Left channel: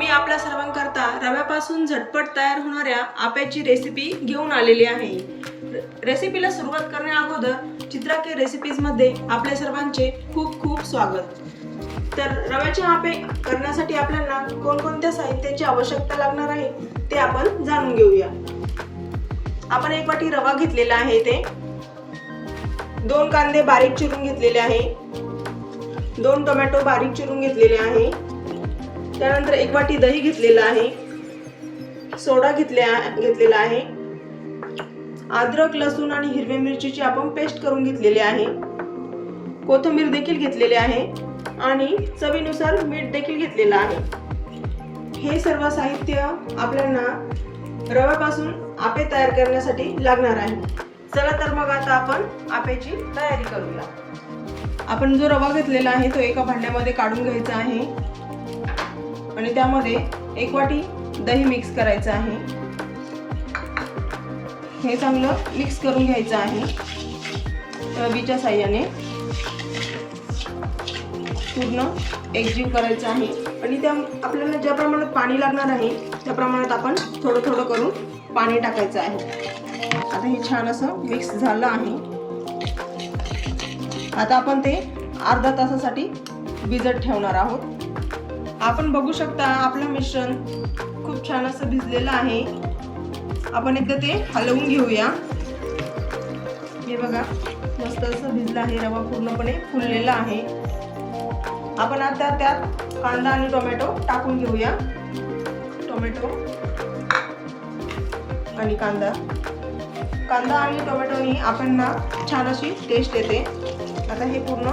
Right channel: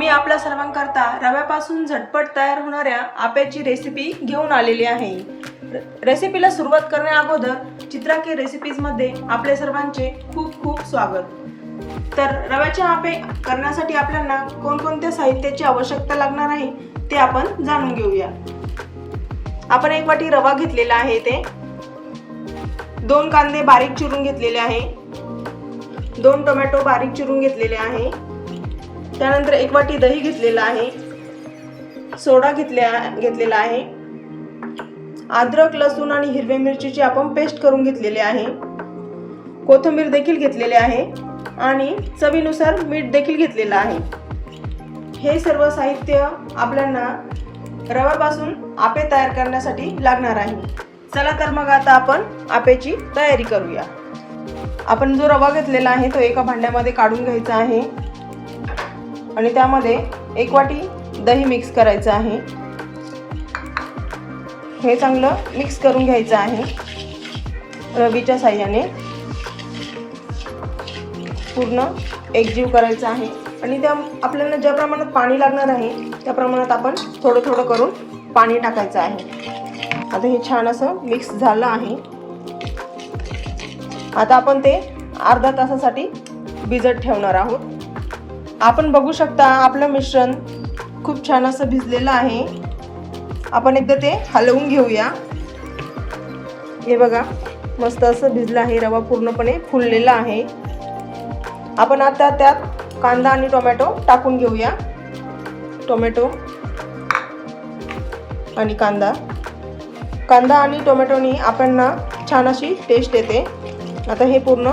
मी आपल्या सर्वांकरता रव्यापासून झटपट तयार होणाऱ्या आप्याची रेसिपी घेऊन आलेली आहे. रेसिपीला सुरुवात करण्या अगोदर चित्रा के रेसिपीजमध्ये आपल्या सर्वांचे खूप खूप स्वागत. तर रव्याचे आपे करण्यासाठी आपल्याला कोणकोणत्या साहित्याची आवश्यकता लागणार आहे ते आपण जाणून घेऊया. आपण एक वाटी रवा घेतलेला आहे ते दोन कांदे बारीक चिरून घेतलेले आहे. दोन टोमॅटो बारीक चिरून घेतलेले आहे. त्यानंतर एक वाटी दही घेतलेला आहे. सोडा घेतल्या घेतलेला आहे. अद्रक लसूण आणि हिरवी मिरचीची आपण पेस्ट करून घेतलेली आहे. कोथिंबीर देखील घेतलेली आहे आणि चवीनुसार मीठ देखील घेतलेलं आहे. हे सर्व साहित्य आपल्याला रव्यापासून आपे तयार करण्यासाठी लागणार आहे. चला तर मग आता आपण आपेची तयारी करूया. आपण जो रवा घेतलेला आहे तो एका भांड्यामध्ये काढून घ्यायचा आहे. आणि त्यामध्ये एक वाटी दही मिक्स करायचं आहे. हे चांगलं मिक्स करून घ्यायचं आहे. रवीच्या साह्याने. पूर्ण एकजीव करायचं आहे. आणि त्या आपल्याला ज्या प्रमाणात पाणी लागणार आहे त्या प्रमाणात आपण थोडं थोडं करून पाणी टाकायचं आहे. आता हे छान असं मिक्स झालं आहे. आता आपण ते अर्धा तासासाठी भिजत ठेवणार आहोत. आपण बघू शकता आपलं मिश्रण खूप छान असं भिजलेलं आहे. आपण एकदा ते हलवून घेऊया. हे बघा मस्त असं भिजलं आहे रवा पूर्णपणे फुललेला आहे. आपण आता त्यात कांदा आणि टोमॅटो टाकून घेऊया. टोमॅटो आणि कांदा. कांदा आणि टोमॅटोनी आपण छान अशी टेस्ट येते. आता हे पूर्ण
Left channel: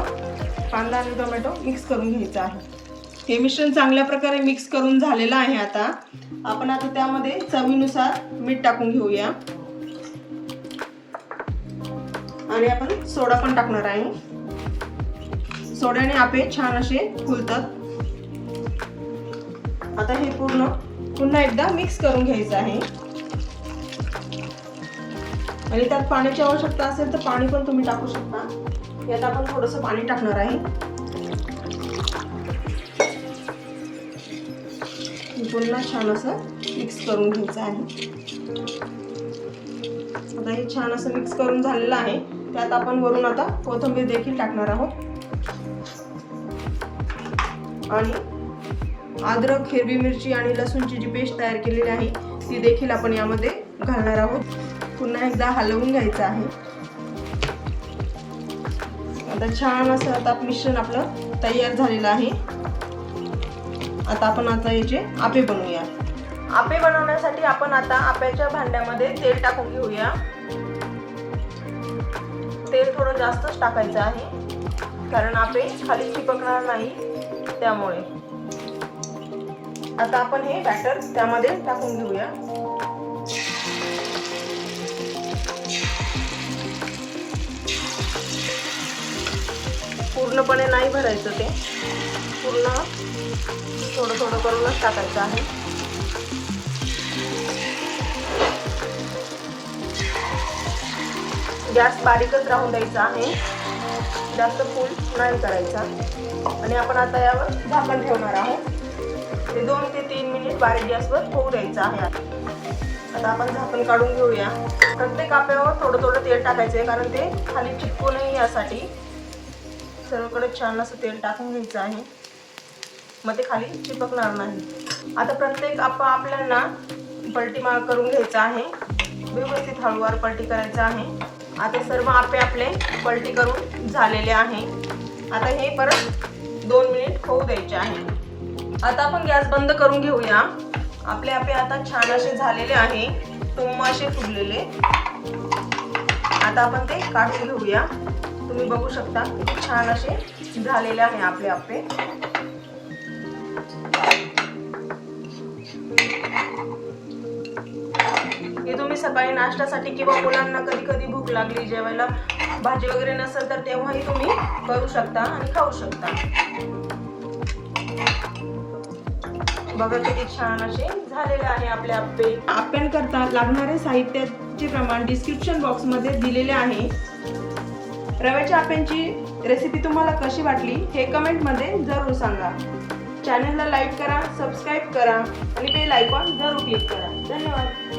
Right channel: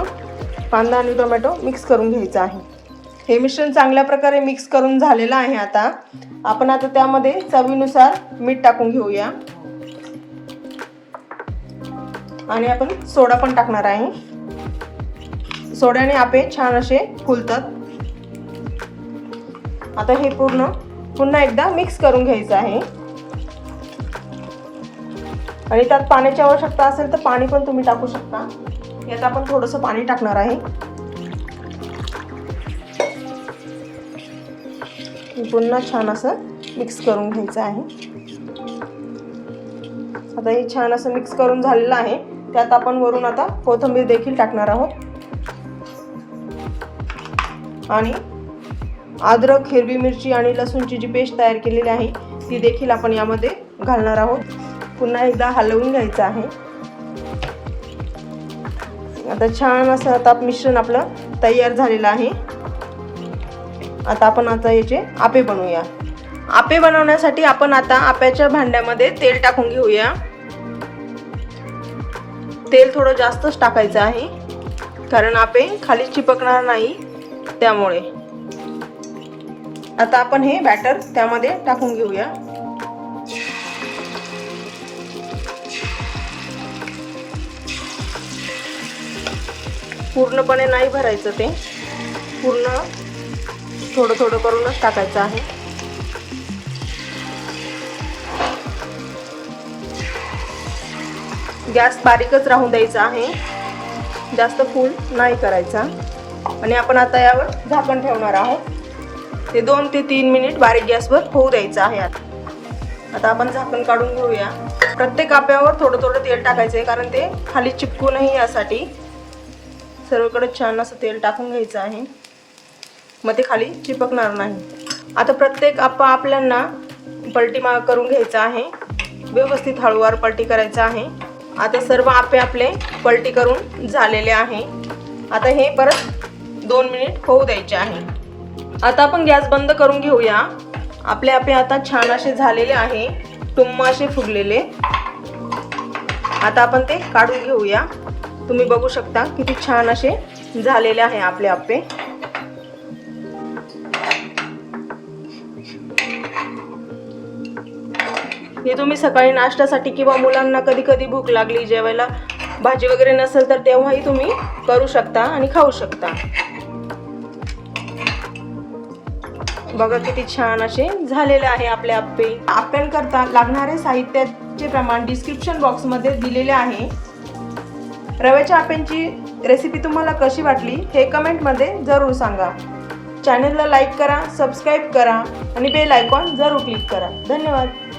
कांदा आणि टोमॅटो मिक्स करून घ्यायचं आहे. हे मिश्रण चांगल्या प्रकारे मिक्स करून झालेलं आहे आता. आपण आता त्यामध्ये चवीनुसार मीठ टाकून घेऊया. आणि आपण सोडा पण टाकणार आहे. सोड्याने आपे छान असे फुलतात. आता हे पूर्ण पुन्हा एकदा मिक्स करून घ्यायचं आहे. आणि त्यात पाण्याची आवश्यकता असेल तर पाणी पण तुम्ही टाकू शकता. यात आपण थोडंसं पाणी टाकणार आहे. पुन्हा छान असं मिक्स करून घ्यायचं आहे. आता हे छान असं मिक्स करून झालेलं आहे. त्यात आपण वरून आता कोथिंबीर देखील टाकणार आहोत. आणि अद्रक हिरवी मिरची आणि लसूणची जी पेस्ट तयार केलेली आहे ती देखील आपण यामध्ये घालणार आहोत. पुन्हा एकदा हलवून घ्यायचं आहे. आता छान असं आता मिश्रण आपलं तयार झालेलं आहे. आता आपण आता याचे आपे बनवूया. आपे बनवण्यासाठी आपण आता आप्याच्या भांड्यामध्ये तेल टाकून घेऊया. तेल थोडं जास्तच टाकायचं आहे. कारण आपे खाली चिपकणार नाही त्यामुळे. आता आपण हे बॅटर त्यामध्ये टाकून घेऊया. पूर्णपणे नाही भरायचं ते. पूर्ण थोडं थोडं करूनच टाकायचं आहे. गॅस बारीकच राहून द्यायचा आहे. जास्त फुल नाही करायचा. आणि आपण आता यावर झाकण ठेवणार आहोत. ते दोन ते तीन मिनिट बारीक गॅसवर होऊ द्यायचं आहे आता. आता आपण झाकण काढून घेऊया. प्रत्येक आप्यावर थोडं थोडं तेल टाकायचं आहे कारण ते खाली चिपकू नाही यासाठी. सर्वकडे छान असं तेल टाकून घ्यायचं आहे. मग ते खाली चिपकणार नाही. आता प्रत्येक आप्पा आपल्यांना पलटी मा करून घ्यायचा आहे. व्यवस्थित हळूवार पलटी करायचं आहे. आता सर्व आपे आपले पलटी करून झालेले आहे. आता हे परत दोन मिनिट होऊ द्यायचे आहे. आता आपण गॅस बंद करून घेऊया. आपले आपे आता छान असे झालेले आहे. टुम्म असे फुगलेले. आता आपण ते काढून घेऊया. तुम्ही बघू शकता किती छान असे झालेले आहे आपले आप्पे हे तुम्ही सकाळी नाश्त्यासाठी किंवा मुलांना कधी कधी भूक लागली जेवायला भाजी वगैरे नसेल तर तेव्हाही तुम्ही करू शकता आणि खाऊ शकता. बघा किती छान असे झालेले आहे आपले आप्पे. आप्यांकरता लागणारे साहित्याचे प्रमाण डिस्क्रिप्शन बॉक्समध्ये दिलेले आहे. रव्याच्या आप्यांची रेसिपी तुम्हाला कशी वाटली हे कमेंटमध्ये जरूर सांगा. चॅनलला लाईक करा सबस्क्राईब करा आणि बेल आयकॉन जरूर क्लिक करा. धन्यवाद.